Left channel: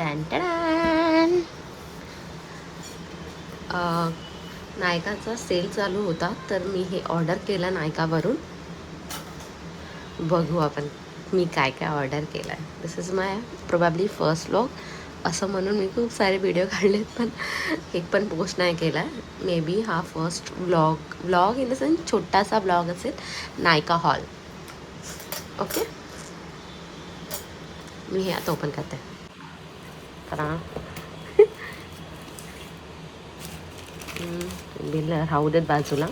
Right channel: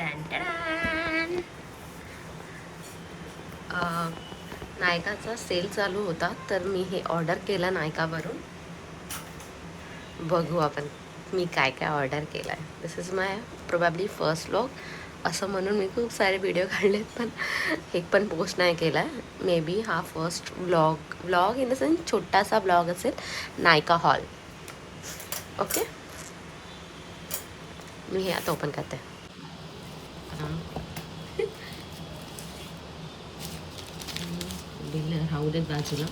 Tan tan. नायकाचा sale चालू होता तर मी हे ऑर्डर केलं नायकावरून. बघू आपण मी काय काय ऑर्डर केलं आहे. This is my probably first vlog असं म्हणून मी खूप सारे व्हिडिओ काढलेत पण एक पण पोस्ट नाही केला. मे बी हा first vlog in the sense छोटासा व्लॉग असेल नायका हॉल. ओके, मी हे आता ओपन करते. बिल राहू देत बाजूला.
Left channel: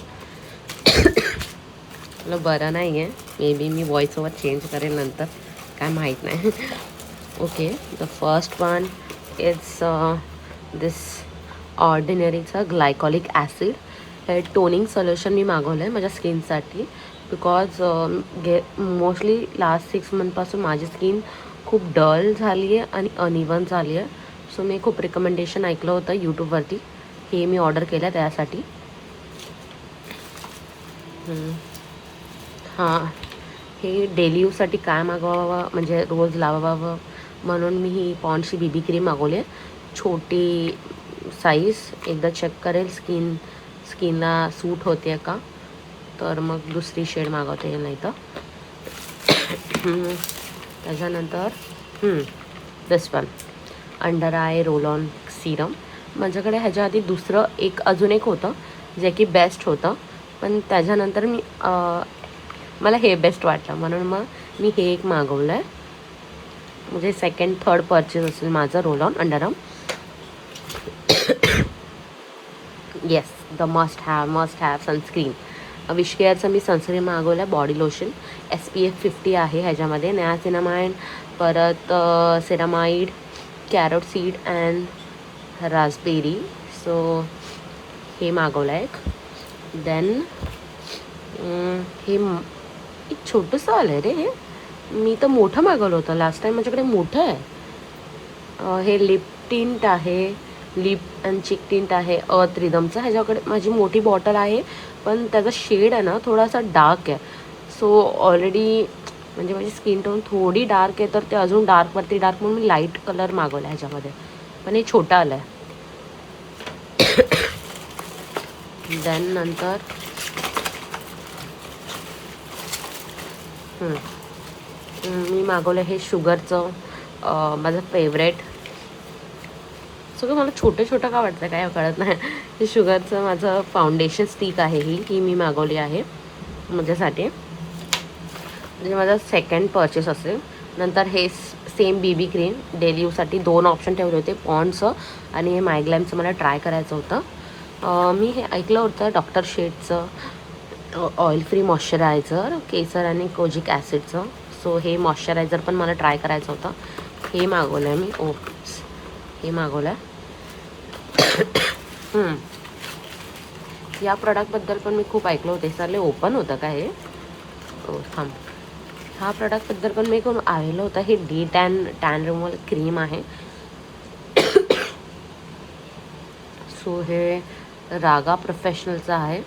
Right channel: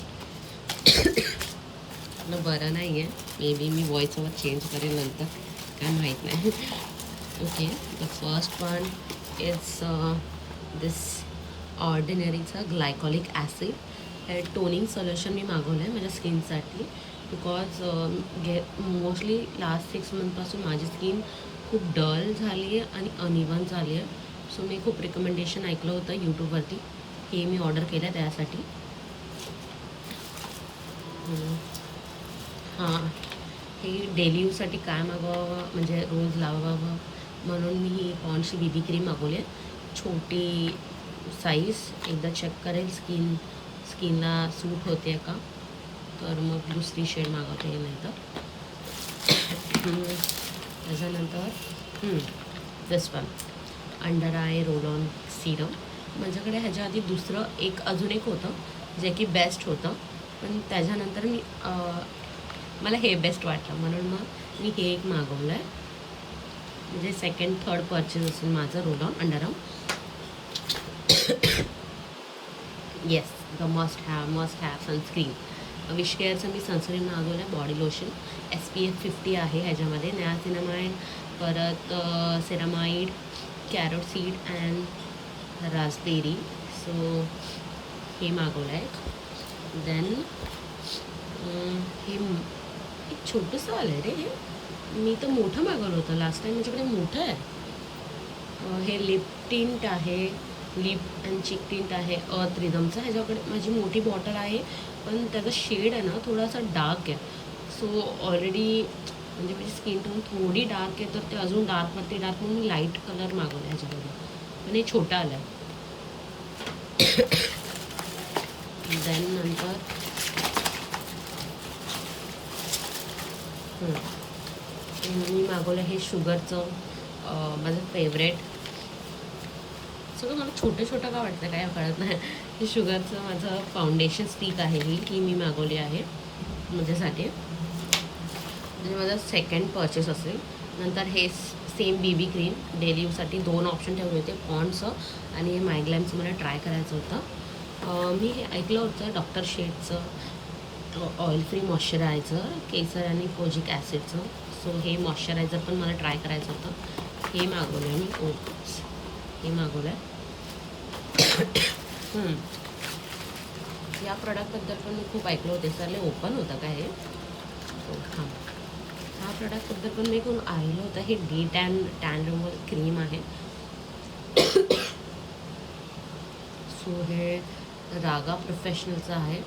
मला बरं नाही आहे. मे बी मी व्हॉइस ओव्हर चेंज करेल नंतर, काय माहीत नाही. Okay, the first one is this ऑर्डिनरीचं ग्लायकॉलिक ॲसिड. हे टोनिंग सोल्युशन मी मागवलं आहे माझ्या स्किनसाठी. बिकॉज मोस्टली लास्ट 6 मंथपासून माझी स्किन खूप डल झाली आहे आणि अनइवन झाली आहे. सो मी खूप रिकमेंडेशन ऐकलं होतं यूट्यूबवरती. हे मी ऑर्डर केलं त्यासाठी. हां, हे डेली यूजसाठी काय मागवावं म्हणजे रोज लावावं म्हणून मी ही पॉन्डची बीबी क्रीम मागवली आहे. छोटी साईज. एकदा चेक करेल स्किनला सूट होते का, तर मग दुसरी शेड मागवता येईल. नाही तर त्याच्यानंतर this one under eye roll on serum. माझ्याकडे ह्याच्या आधी दुसरं अजून एक होतं जे की बेस्ट होतं, पण त्याच्यानंतर मला हे बेस्ट वाटलं म्हणून मग मी हे एक मागवलं आहे. म्हणजे सेकंड थर्ड परचेस असेल माझं roll on under arm. Yes, the must have sunscreen. विशकेअरचं मी सनस्क्रीन मागवलं आहे. बॉडी लोशन SPF 50 आहे ह्याच्यामध्ये. नियासिनामाइड, परत ceramide, carrot seed and Raspberry. So हे मागवलं आहे. देन हे एक छोटंसं आलं आहे रे. हे मी तर मोठं मागवलं होतं लास्ट टाईम. माझ्याकडे मोठं आहे. हे लिप टिंट आहे. लिप अँड चिक टिंट आहे अर्थ रिदमचं. ह्याच्याकडे माझी मोठी बॉटल आहे पण त्याचा शेड आहे ना थोडासा डार्क आहे. सो ऑलरेडी म्हणजे माझी स्किन टोन थोडी डार्क आहे तर ते अजून डार्कवरती डार्क म्हणून मी लाईट कलर मागवला ह्याच्यामध्ये. पण हे छोटं आलं आहे. देन नंतर मी मागवलं हे शुगरचं माझं फेवरेट. सगळं मला छोटं का वाटतं काय कळत नाही. हे शुगरचं माझं फाउंडेशन स्टिक आहे. ही मी मागवली आहे माझ्यासाठी. म्हणजे माझा सेकंड परचेस असेल. नंतर हे सेम बीबी क्रीम डेली यूजसाठी 2 ऑप्शन ठेवले होते, पॉन्डचं आणि हे मायग्लॅमचं मला ट्राय करायचं होतं. मी हे ऐकलं होतं डॉक्टर शेटचं ऑइल फ्री मॉइश्चरायझर केसर आणि कोजिक ॲसिडचं. सो हे मॉइश्चरायझर पण मला ट्राय करायचं होतं. हे मागवलं आहे मी. हे मागवलं आहे. या प्रॉडक्टबद्दल पण मी खूप ऐकलं होते. सरले ओपन होतं का हे? थांब. हा प्रॉडक्टबद्दल पण मी कोण आलेलं होतं. हे टॅन रिमूव्हल क्रीम आहे. सो हे रागा प्रोफेशनलचं आहे.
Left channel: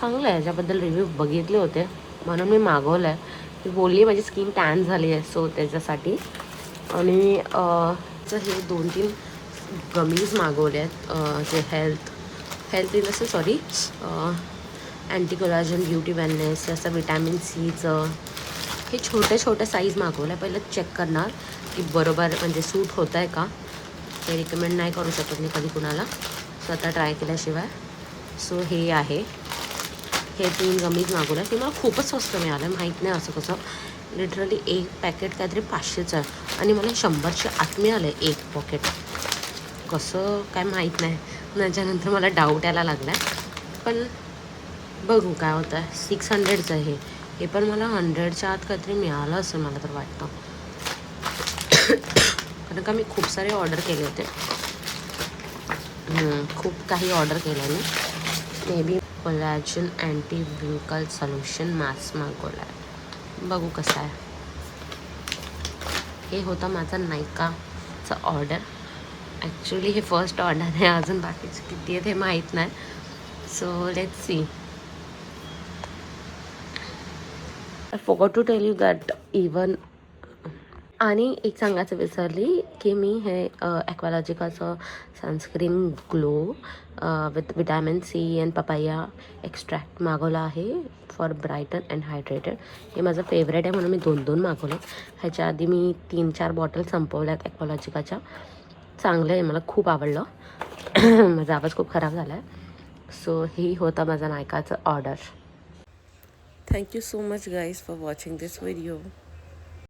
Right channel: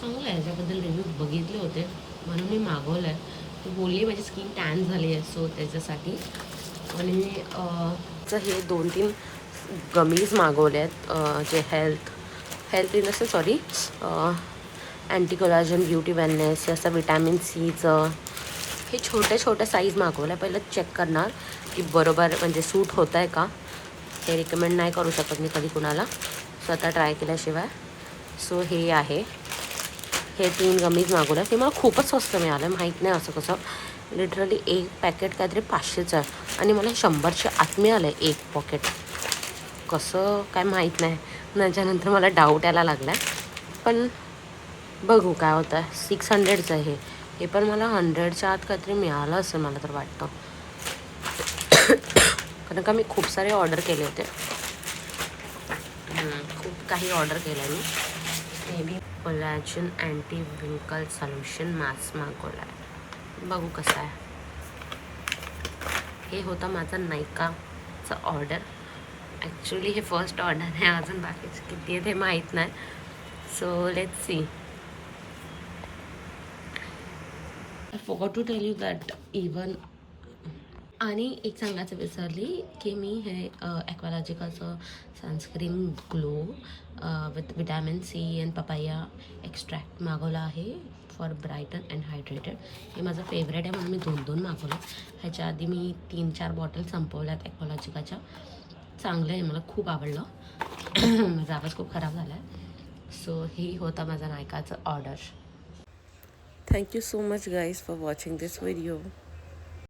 चांगलं आहे. ह्याच्याबद्दल रिव्ह्यू बघितले होते म्हणून मी मागवलं आहे. ती बोलली माझी स्किन टॅन झाली आहे सो त्याच्यासाठी. आणि हे 2-3 गमीज मागवले आहेत. जे हेल्थ इन असं sorry anti collagen beauty wellness असं विटॅमिन सीचं. हे छोटे साईज मागवलं आहे. पहिलं चेक करणार की बरोबर म्हणजे सूट होतं आहे का. हे रिकमेंड नाही करू शकत मी कधी कुणाला स्वतः ट्राय केल्याशिवाय. सो हे आहे. हे 3 गमीज मागवलं आहे. ते मला खूपच स्वस्त मिळालं. माहीत नाही असं कसं. लिटरली एक पॅकेट काहीतरी 500चं आहे आणि मला 100च्या आत मिळालं आहे एक पॉकेट. कसं काय माहीत नाही. त्याच्यानंतर मला डाऊट यायला लागला आहे. पण बघू काय होतं आहे. 600चं आहे हे पण मला 100च्या आत काहीतरी मिळालं असेल मला तर वाटतं. कारण का मी खूप सारे ऑर्डर केले होते. खूप काही ऑर्डर केलं आहे मी. Maybe collagen anti wrinkle solution mask मागवला आहे. बघू कसं आहे. हे होतं माझं नायकाचं ऑर्डर. ॲक्च्युली हे फर्स्ट ऑर्डर आहे. अजून बाकीचे किती आहेत हे माहीत नाही. So let's see. I forgot to tell you that even आणि एक सांगायचं विसरली की मी हे ॲक्वालॉजिकाचं sunscreen glow with vitamin C and papaya extract मागवलं आहे फॉर ब्राईटन अँड हायड्रेटेड. हे माझं फेवरेट आहे म्हणून मी 2 मागवलं. ह्याच्या आधी मी 3-4 बॉटल संपवल्यात ॲक्वालॉजिकाच्या. चांगलं आहे, मला खूप आवडलं. माझा आवाज खूप खराब झाला आहे. सो ही होता माझा नायकाचं order. Thank you so much guys for watching this video.